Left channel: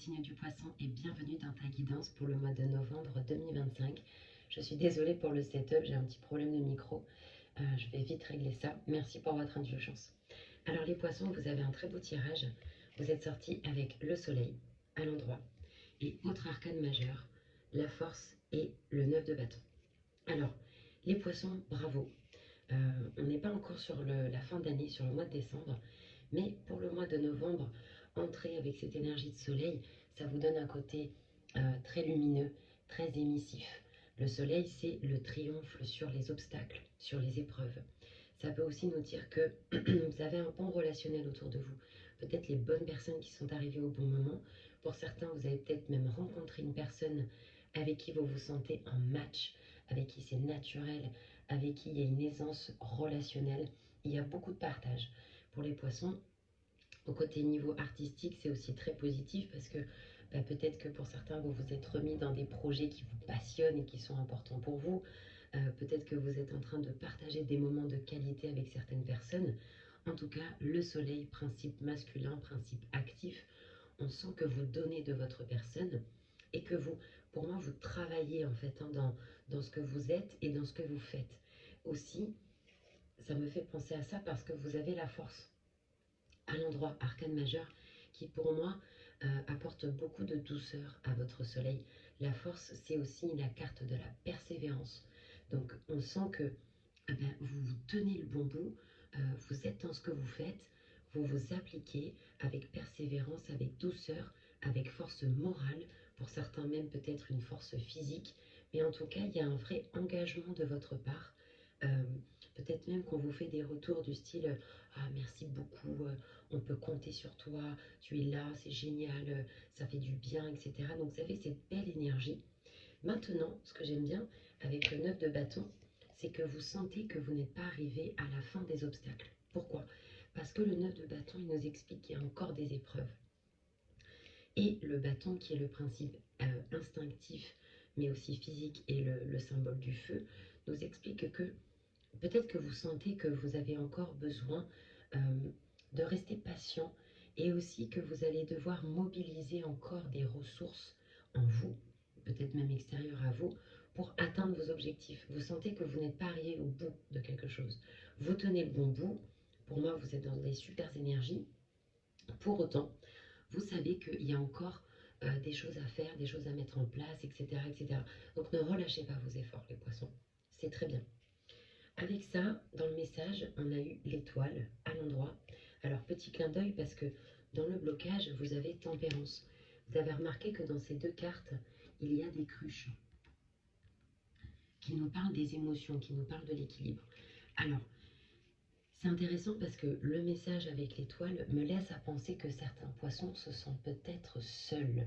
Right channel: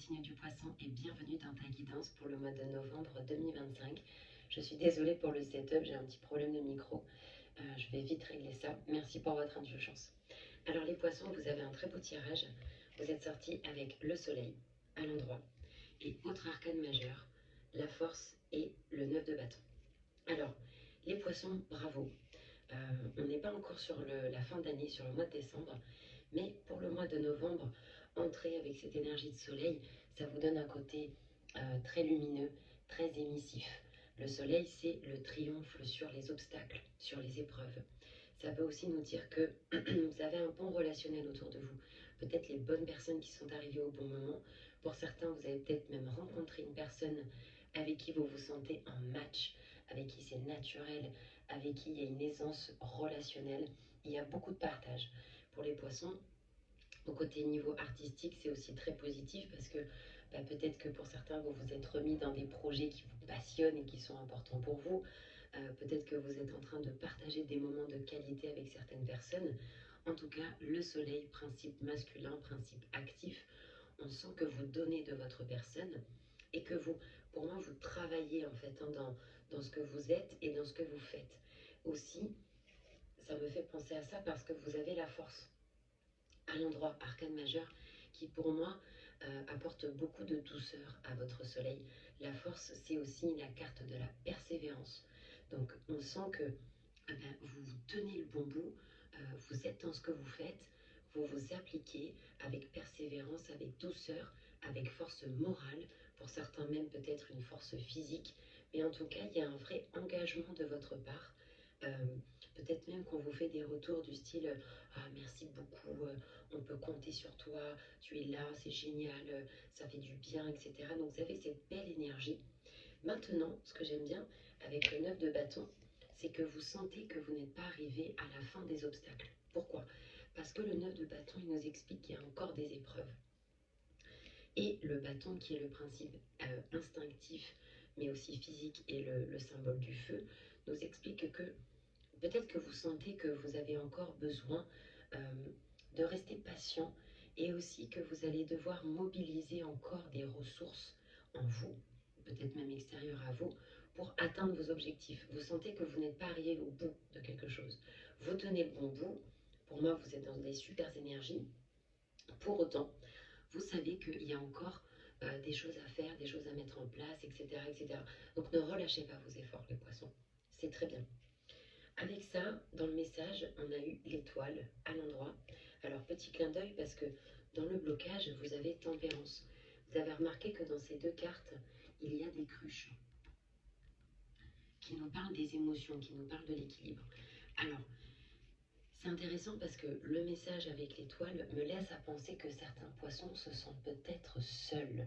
signe du poisson et bienvenue dans ta guidance pour le mois de novembre 2025. Je suis désolée pour le setup, j'ai un petit problème de micro. Je vais vite régler ça. Merci pour votre indulgence. Alors les poissons, vous avez un très beau tirage. Vous êtes sortis avec le soleil à l'endroit et notre arcane majeur, la force et le 9 de bâton. Alors, les poissons, bravo. On n'est pas encore sur la fin d'année, sur le mois de décembre, mais pour le mois de novembre, entrez avec cette énergie de soleil, ça vous donne un côté très lumineux, très émissif. Le soleil, c'est le triomphe sur les obstacles, sur les épreuves. Ça peut aussi nous dire que vous avez un bon relationnel autour de vous. Peut-être les bonnes personnes qui sont arrivées au bon moment. Pour certains, vous avez peut-être même rencontré une personne avec qui vous vous sentez un match, avec qui c'est naturel, avec qui il y a une aisance relationnelle. Il y a beaucoup de partage. Pour les poissons, au côté niveau artistique, c'est aussi très positif parce que peut-être que pour certains, vous vous êtes remis dans des projets qui vous passionnent et qui sont importants pour vous. Peut-être que vous êtes en train de partager des moments de qualité avec certaines personnes. En tout cas, le soleil, principe masculin, principe actif, on sent que vous donnez de votre personne et que vous, pour moi, vous travaillez en fait dans ce que vous êtes et dans ce que vous faites. Aussi, ça me fait penser à ça parce que vous avez la force à l'endroit arcane majeur qui pour moi apporte beaucoup de douceur à votre soleil. La force, c'est aussi la carte de la persévérance. Donc on sent que vous vous tenez le bon bout, vous êtes dans ce que vous faites, vous vous appliquez avec persévérance, avec douceur, avec force morale, pour certains même peut-être une force physique, mais en tout cas il y a un vrai engagement de votre part. Peut-être même qu'on vous fait des retours du style merci beaucoup, on peut compter sur toi, tu es là, c'est génial, ça fait du bien, etc. Donc vous avez cette belle énergie. Maintenant, ce que j'aime bien avec le 9 de bâton, c'est que vous sentez que vous n'êtes pas arrivé à la fin des obstacles. Pourquoi? Parce que le 9 de bâton, il nous explique qu'il y a encore des épreuves. Et le bâton, qui est le principe instinctif, mais aussi physique, et le symbole du feu, nous explique que peut-être que vous sentez que vous avez encore besoin de rester patient et aussi que vous allez devoir mobiliser encore des ressources en vous, peut-être même extérieures à vous, pour atteindre vos objectifs. Vous sentez que vous n'êtes pas arrivé au bout de quelque chose. Vous tenez le bon bout. Pour moi, vous êtes dans des super énergies. Pour autant, vous savez qu'il y a encore des choses à faire, des choses à mettre en place, etc., etc. Donc ne relâchez pas vos efforts, les poissons. C'est très bien. Avec ça, dans le message, on a eu l'étoile à l'endroit. Alors, petit clin d'œil parce que dans le blocage, vous avez tempérance. Vous avez remarqué que dans ces deux cartes, il y a des cruches qui nous parlent des émotions, qui nous parlent de l'équilibre. Alors, c'est intéressant parce que le message avec l'étoile me laisse à penser que certains poissons se sentent peut-être seuls.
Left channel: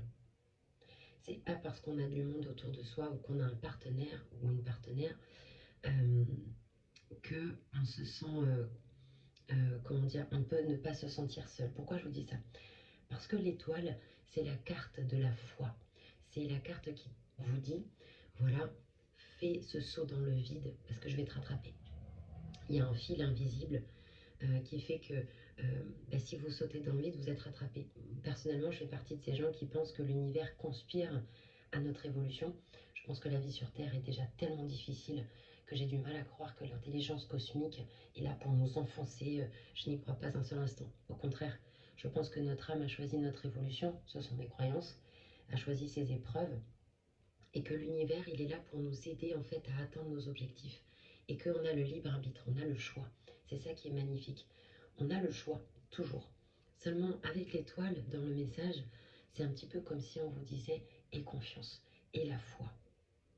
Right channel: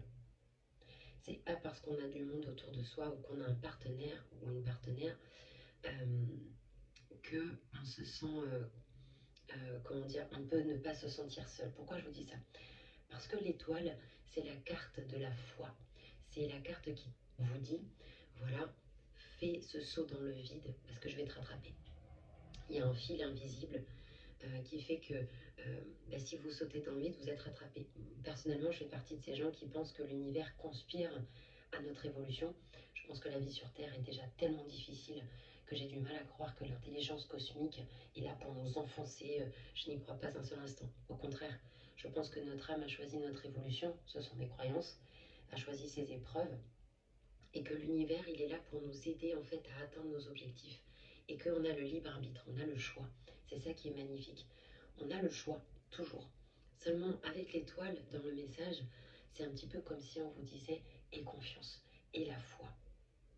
C'est pas parce qu'on a du monde autour de soi ou qu'on a un partenaire ou une partenaire qu'on se sent, comment dire, on peut ne pas se sentir seul. Pourquoi je vous dis ça? Parce que l'étoile, c'est la carte de la foi. C'est la carte qui vous dit, voilà, fais ce saut dans le vide parce que je vais te rattraper. Il y a un fil invisible qui fait que si vous sautez dans le vide, vous êtes rattrapé. Personnellement, je fais partie de ces gens qui pensent que l'univers conspire à notre évolution. Je pense que la vie sur Terre est déjà tellement difficile que j'ai du mal à croire que l'intelligence cosmique est là pour nous enfoncer. Je n'y crois pas un seul instant. Au contraire, je pense que notre âme a choisi notre évolution, ce sont mes croyances, a choisi ses épreuves, et que l'univers, il est là pour nous aider en fait à atteindre nos objectifs, et qu'on a le libre arbitre, on a le choix. C'est ça qui est magnifique. On a le choix, toujours. Seulement, avec l'étoile, dans le message, c'est un petit peu comme si on vous disait « aie confiance, aie la foi,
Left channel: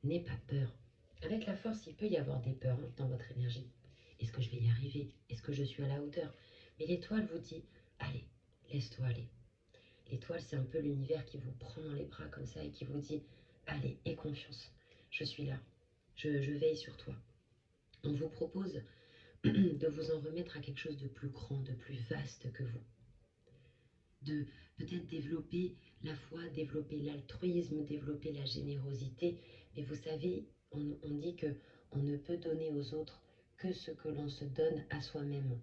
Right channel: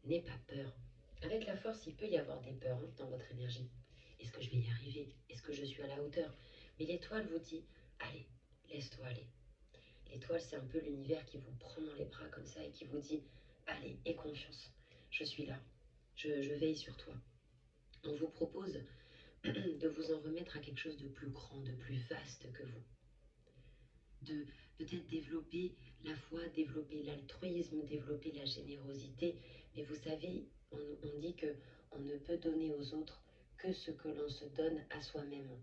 n'aie pas peur ». Avec la force, il peut y avoir des peurs dans votre énergie. Est-ce que je vais y arriver? Est-ce que je suis à la hauteur? Mais l'étoile vous dit « allez, laisse-toi aller ». L'étoile, c'est un peu l'univers qui vous prend dans les bras comme ça et qui vous dit « allez, aie confiance, je suis là, je veille sur toi ». On vous propose de vous en remettre à quelque chose de plus grand, de plus vaste que vous. De peut-être développer la foi, développer l'altruisme, développer la générosité. Mais vous savez, on dit que on ne peut donner aux autres que ce que l'on se donne à soi-même.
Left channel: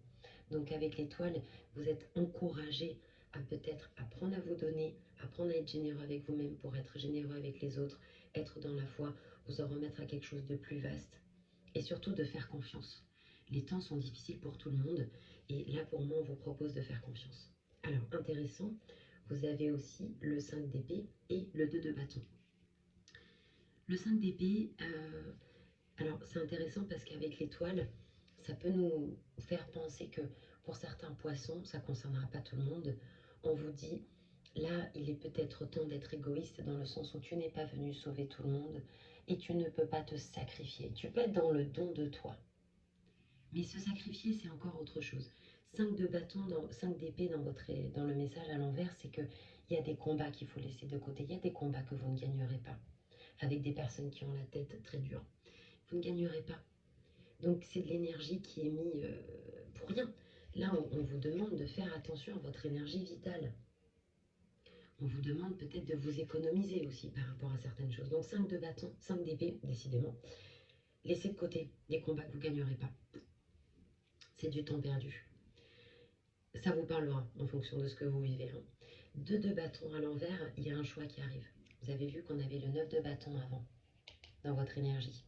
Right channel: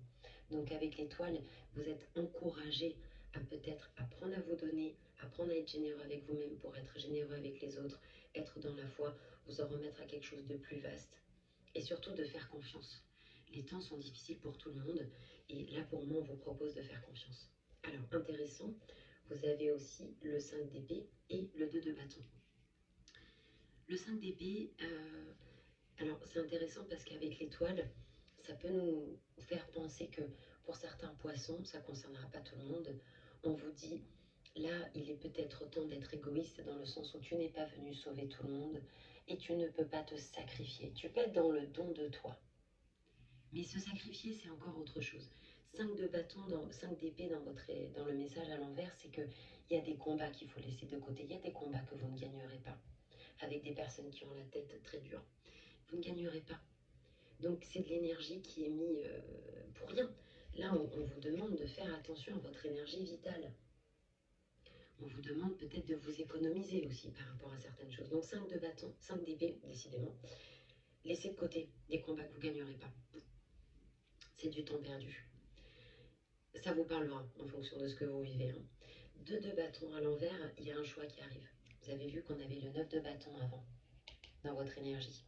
Donc avec l'étoile, vous êtes encouragé à peut-être apprendre à vous donner, apprendre à être généreux avec vous-même pour être généreux avec les autres, être dans la foi, vous en remettre à quelque chose de plus vaste et surtout de faire confiance. Les temps sont difficiles pour tout le monde et là pour moi on vous propose de faire confiance. Alors intéressant, vous avez aussi le 5 d'épée et le 2 de bâton. Le 5 d'épée, alors c'est intéressant parce qu'avec l'étoile, ça peut nous faire penser que pour certains poissons, ça ne concernera pas tout le monde. On vous dit, là, il est peut-être temps d'être égoïste dans le sens où tu n'es pas venu sauver tout le monde et tu ne peux pas te sacrifier. Tu peux être dans le don de toi. Mais se sacrifier, c'est encore autre chose. 5 de bâton, 5 d'épée dans le message à l'envers, c'est qu'il y a des combats qu'il faut laisser de côté. Il y a des combats que vous ne gagnerez pas avec des personnes qui ont la tête très dure. Vous ne gagnerez pas. Donc c'est de l'énergie qui est mise pour rien. Là, on vous demande de faire attention à votre énergie vitale. On vous demande peut-être de vous économiser aussi par rapport à certaines choses. Donc 5 de bâton, 5 d'épée, décidément. Laissez de côté des combats que vous ne gagnerez pas. C'est du temps perdu. Ça vous parlera en fonction de ce que vous vivez. 2 de bâton à l'envers, il y a un choix qui arrive. Vous avez vu qu'on avait le 9 de bâton avant, dans votre énergie.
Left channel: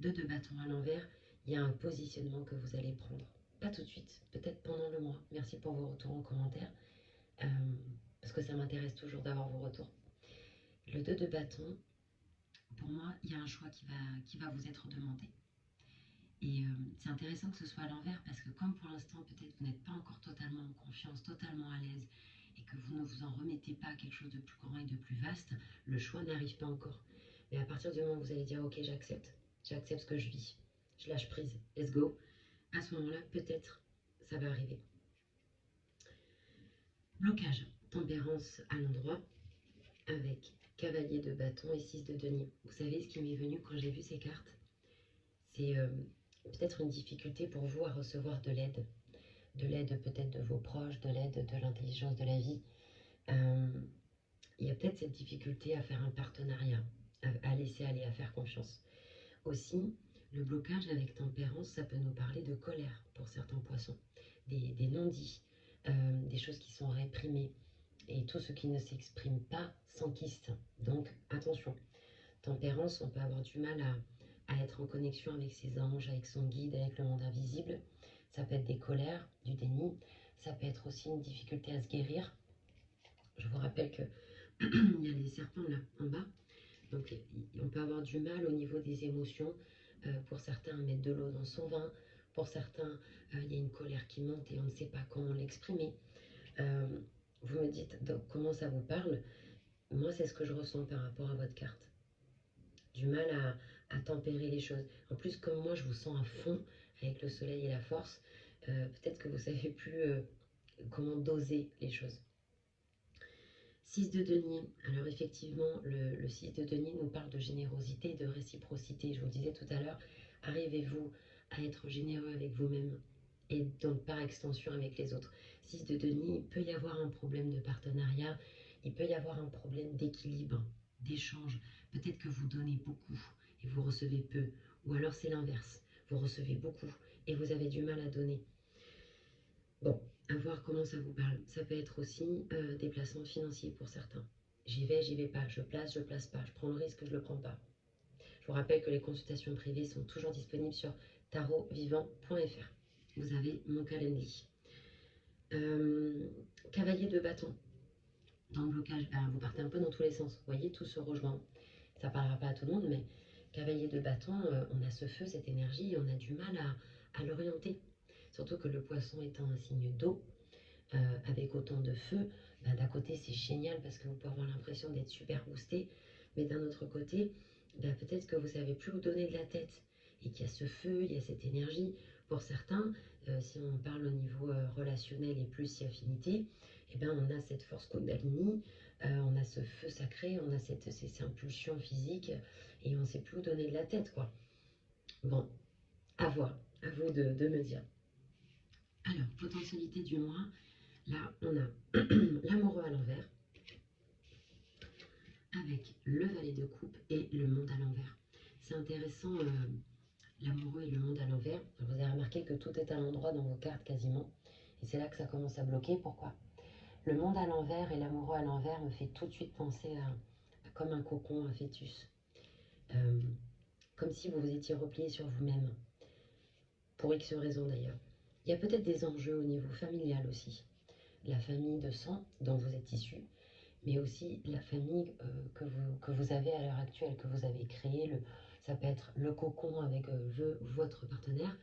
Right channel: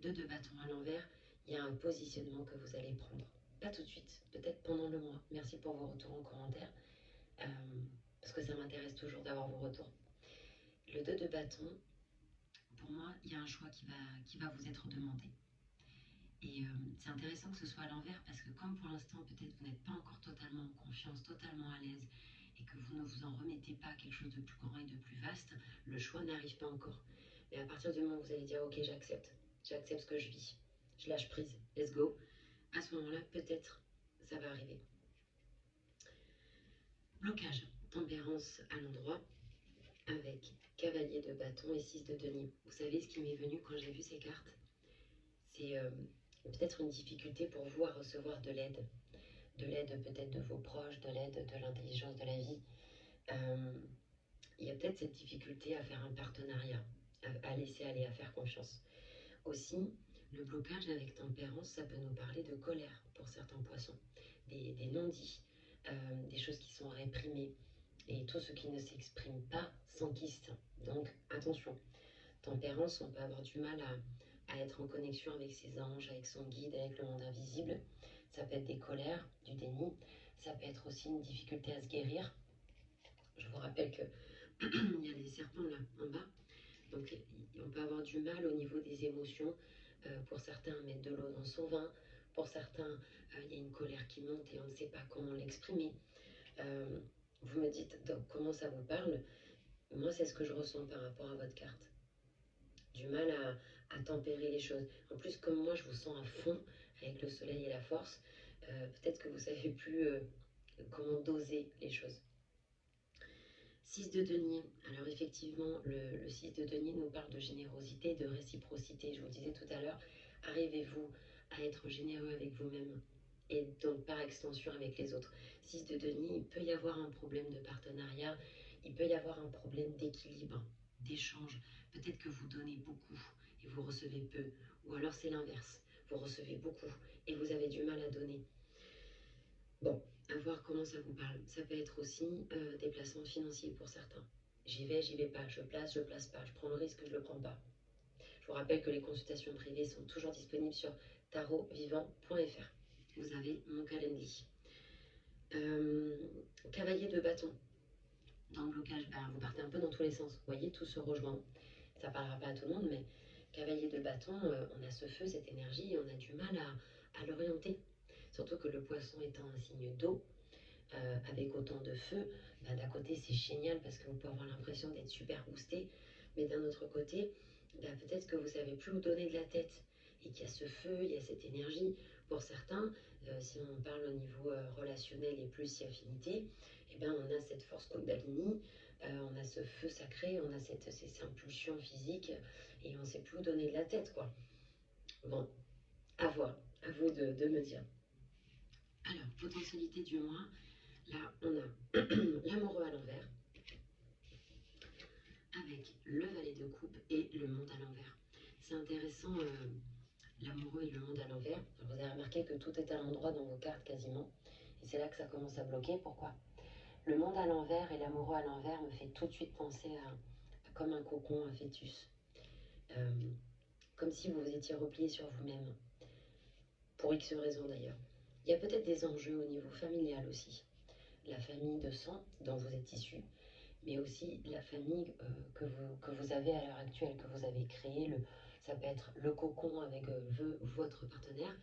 2 de bâton à l'envers, il y a un positionnement que vous allez prendre. Pas tout de suite, peut-être pendant le mois. Merci pour vos retours en commentaire, parce que ça m'intéresse toujours d'avoir vos retours. Le 2 de bâton, pour moi, il y a un choix qui va vous être demandé. Et c'est intéressant que ce soit à l'envers, parce que comme pour l'instant, peut-être vous n'êtes pas encore totalement en confiance, totalement à l'aise, et que vous ne vous en remettez pas à quelque chose de plus grand et de plus vaste, le choix n'arrive pas encore. Mais à partir du moment où vous allez dire, ok, j'accepte ce que je vis, je lâche prise, let's go, à ce moment-là, peut-être, ça va arriver. Blocage, tempérance à l'endroit, avec cavalier de bâton et 6 de denier. Vous savez ce qui m'est venu quand j'ai vu ces cartes? C'est peut-être une difficulté pour vous à recevoir de l'aide peut-être de vos proches, de l'aide de l'intelligence de la vie. Il y a peut-être cette difficulté à faire un partenariat, à laisser aller, à faire confiance. Aussi, le blocage avec tempérance, ça peut nous parler de colère pour certains poissons, des non-dits, des choses qui sont réprimées, et tout ce qui ne s'exprime pas s'enquiste. Donc attention, tempérance, on peut avoir du mal à être en connexion avec ses anges, avec son guide, avec le monde invisible. Ça peut être des colères, du déni, ça peut être aussi une difficulté à se guérir. Je vous rappelle que il y a des serpents là en bas, donc on peut avoir du mal au niveau des émotions. Pour certains, mettre de l'eau dans son vin. Pour certains, il y a une colère qui monte et on ne sait pas comment l'exprimer. Vous me dites donc, comment ça vous parle. Moi, c'est ce que je ressens par rapport à votre carte. Du mal à tempérer les choses. En plus, comme moi, je vous sens à fond avec le soleil et la force, peut-être que vous ne savez plus comment doser les choses. 6 de denier. Alors effectivement, le 6 de denier nous parle de générosité, de réciprocité. Je vous disais tout à l'heure, arrivez-vous à être généreux avec vous-même et donc par extension avec les autres. 6 de denier, il peut y avoir un problème de partenariat, il peut y avoir un problème d'équilibre, d'échange. Peut-être que vous donnez beaucoup et vous recevez peu. Ou alors c'est l'inverse, vous recevez beaucoup et vous avez du mal à donner. Bon, à voir comment ça vous parle. Ça peut être aussi des placements financiers pour certains. J'y vais pas, je place pas, je prends le risque, je le prends pas. Je vous rappelle que les consultations privées sont toujours disponibles sur tarotvivant.fr. Vous avez mon calendrier. Cavalier de bâton. Dans le blocage, vous partez un peu dans tous les sens. Vous voyez, tout se rejoint. Ça parlera pas à tout le monde, mais cavalier de bâton, on a ce feu, cette énergie, et on a du mal à l'orienter. Surtout que le poisson étant un signe d'eau, avec autant de feu, d'un côté c'est génial parce que vous pouvez avoir l'impression d'être super boosté, mais d'un autre côté, peut-être que vous savez plus où donner de la tête et qu'il y a ce feu, il y a cette énergie. Pour certains, si on parle au niveau relationnel et plus si affinité, on a cette force Kundalini, on a ce feu sacré, on a ces impulsions physiques et on ne sait plus où donner de la tête, quoi. Bon, à voir, à vous de me dire. Alors, potentialité du mois, là on a l'amoureux à l'envers, avec le valet de coupe et le monde à l'envers. C'est intéressant, l'amoureux et le monde à l'envers. Vous avez remarqué que tout est à l'endroit dans vos cartes quasiment, et c'est là que ça commence à bloquer. Pourquoi? Le monde à l'envers et l'amoureux à l'envers me fait tout de suite penser à comme un cocon, un fœtus. Euh, Comme si vous vous étiez replié sur vous-même, pour X raisons d'ailleurs. Il y a peut-être des enjeux au niveau familial aussi. La famille de sang dont vous êtes issu, mais aussi la famille que vous avez à l'heure actuelle, que vous avez créée. Ça peut être le cocon avec votre partenaire.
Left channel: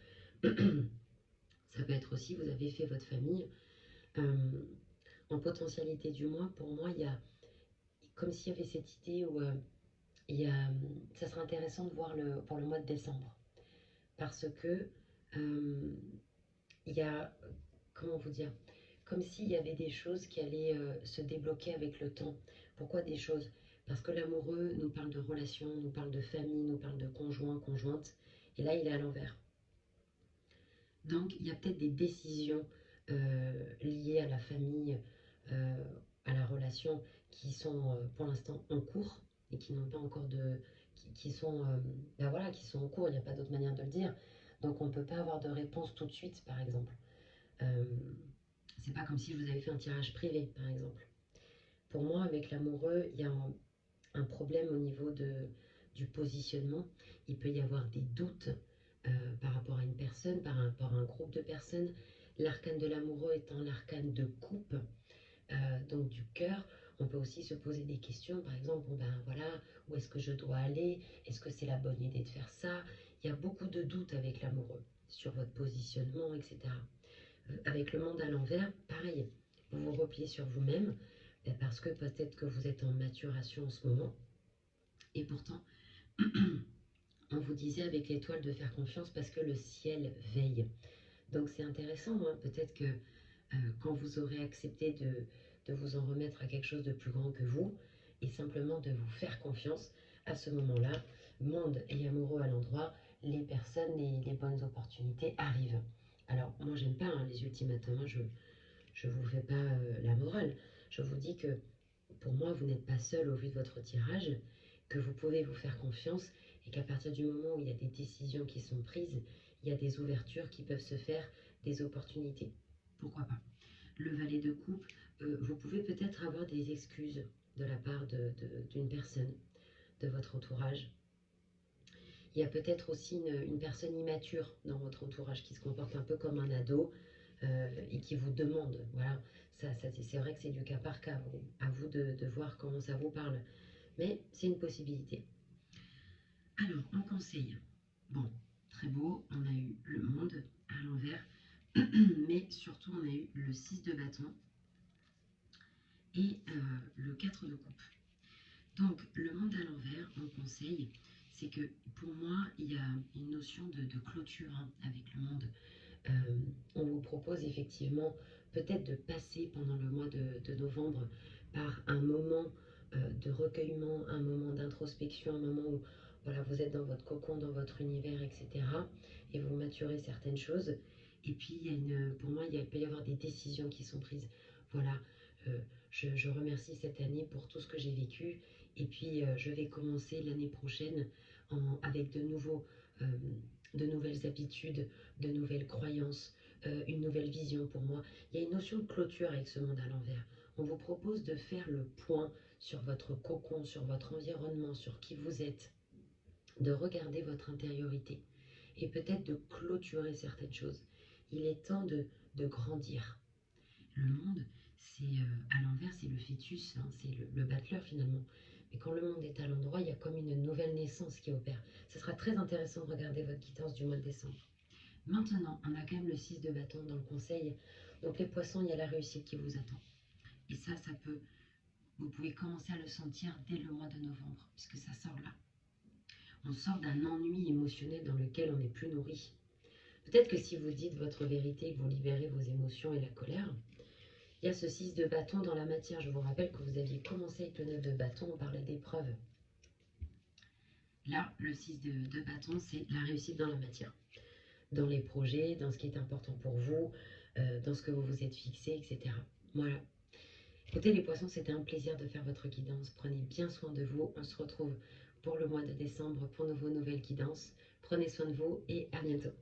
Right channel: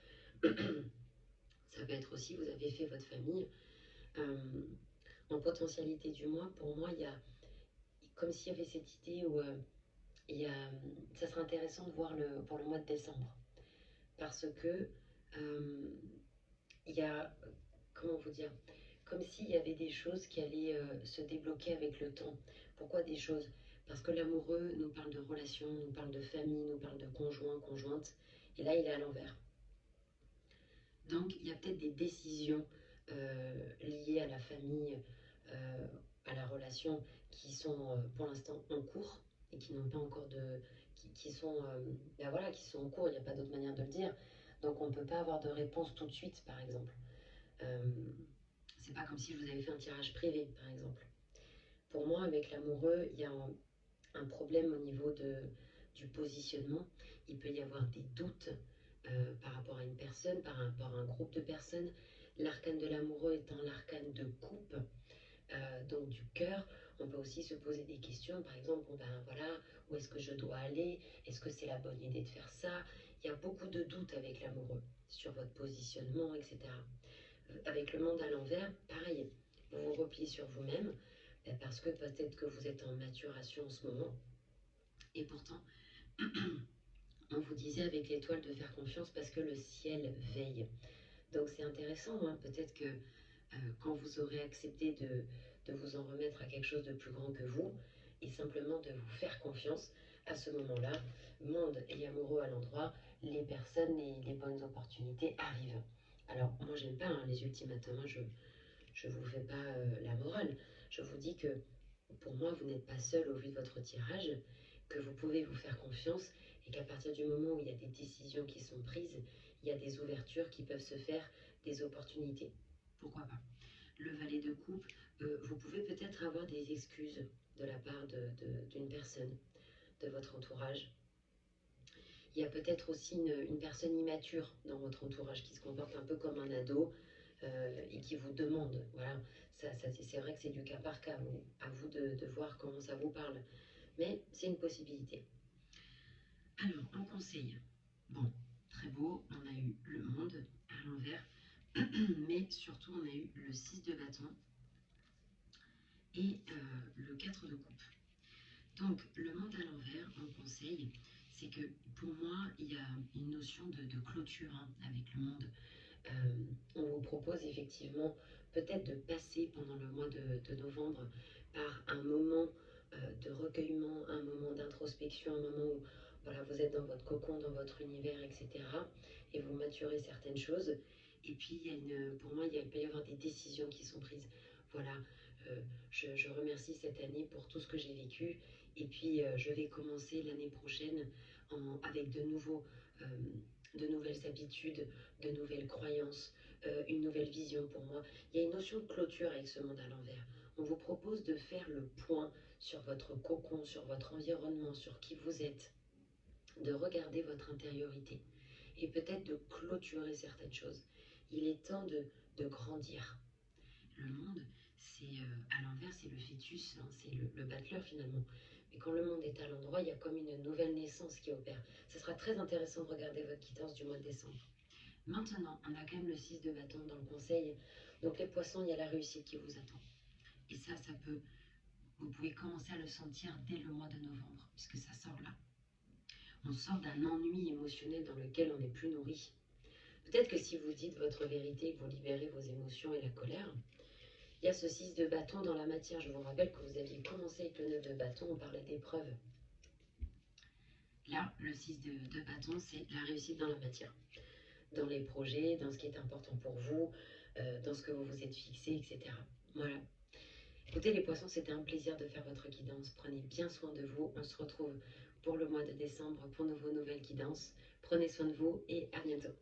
Ça peut être aussi, vous avez fait votre famille. Euh, En potentialité du moins, pour moi, il y a comme s'il y avait cette idée où ça serait intéressant de voir pour le mois de décembre. Parce que euh, il y a, comment vous dire, comme s'il y avait des choses qui allaient se débloquer avec le temps. Pourquoi des choses? Parce que l'amoureux nous parle de relations, nous parle de famille, nous parle de conjoint, conjointe, et là il est à l'envers. Donc il y a peut-être des décisions liées à la famille, euh, à la relation, qui sont pour l'instant en cours et qui n'ont pas encore qui sont, ben voilà, qui sont en cours. Il n'y a pas d'autre manière de le dire. Donc on ne peut pas avoir de réponse tout de suite, par exemple. Euh, c'est pas comme si vous avez fait un tirage privé, par exemple. Pour moi, avec l'amoureux, il y a un problème au niveau du positionnement. Il peut y avoir des doutes par rapport à une personne, par rapport à un groupe de personnes. L'arcane de l'amoureux étant l'arcane de coupe, donc du cœur. On peut aussi se poser des questions, par exemple, bon ben voilà, où est-ce que je dois aller? Est-ce que c'est la bonne idée de faire ça? Il y a beaucoup de doutes avec l'amoureux sur votre positionnement, etc. Avec le monde à l'envers, pareil, vous vous repliez sur vous-même, ben parce que peut-être que vous êtes en maturation en ce moment, et pourtant, on vous disait avec l'étoile de faire confiance parce que le ciel veille. Donc c'est intéressant, hein, peut-être que quand vous aurez accepté de vous en remettre à quelque chose de plus grand que vous, et simplement de vous faire confiance, à ce moment-là, monde et amoureux à l'endroit, les personnes et les bonnes opportunités arrivent. Alors, moi, j'aime pas hein, les ultimatums, je vous fais pas la morale. Je vous dis que pour moi, vous n'êtes pas seul au vu de votre tirage, que vous pouvez vous faire confiance et qu'à partir du moment où il y a des décisions qui sont prises, il y a des ouvertures qui peuvent se faire, des opportunités. Pourquoi pas? Le valet de coupe, vous pouvez peut-être avoir des excuses de la part d'une personne de votre entourage. Il y a peut-être aussi une personne immature dans votre entourage qui se comporte un peu comme un ado et qui vous demande. Voilà, c'est vrai que c'est du cas par cas. À vous de voir comment ça vous parle. Mais c'est une possibilité. Alors, on conseille. Bon, très beau, on a eu le monde à l'envers, mais surtout on a eu le 6 de bâton et le 4 de coupe. Donc, le monde à l'envers, mon conseil, c'est que pour moi, il y a une notion de clôture hein, avec le monde. On vous propose effectivement peut-être de passer pendant le mois de novembre par un moment de recueillement, un moment d'introspection, un moment où voilà, vous êtes dans votre cocon, dans votre univers, etc. Et vous maturez certaines choses. Et puis, pour moi, il peut y avoir des décisions qui sont prises. Voilà, je remercie cette année pour tout ce que j'ai vécu. Et puis, je vais commencer l'année prochaine avec euh, de nouvelles habitudes, de nouvelles croyances, une nouvelle vision pour moi. Il y a une notion de clôture avec ce monde à l'envers. On vous propose de faire le point sur votre cocon, sur votre environnement, sur qui vous êtes, de regarder votre intériorité et peut-être de clôturer certaines choses. Il est temps de grandir. Le monde, c'est à l'envers, c'est le fœtus, hein, c'est le battleur finalement. Mais quand le monde est à l'endroit, il y a comme une nouvelle naissance qui opère. Ce sera très intéressant de regarder votre guidance du mois de décembre. Maintenant, on a quand même le 6 de bâton dans le conseil. Donc les poissons, il y a la réussite qui vous attend. Et ça vous pouvez commencer à le sentir dès le mois de novembre, puisque ça sort là. On sort d'un ennui émotionnel dans lequel on n'est plus nourri. Peut-être que si vous dites votre vérité, que vous libérez vos émotions et la colère, il y a ce 6 de bâton dans la matière. Je vous rappelle que vous aviez commencé avec le 9 de bâton, on parlait d'épreuves. Là, le 6 de bâton, c'est la réussite dans la matière. Dans les projets, dans ce qui est important pour vous, dans ce que vous vous êtes fixé, etc. Voilà. Écoutez les poissons, c'était un plaisir de faire votre guidance. Prenez bien soin de vous. On se retrouve pour le mois de décembre pour vos nouvelles guidances. Prenez soin de vous et à bientôt.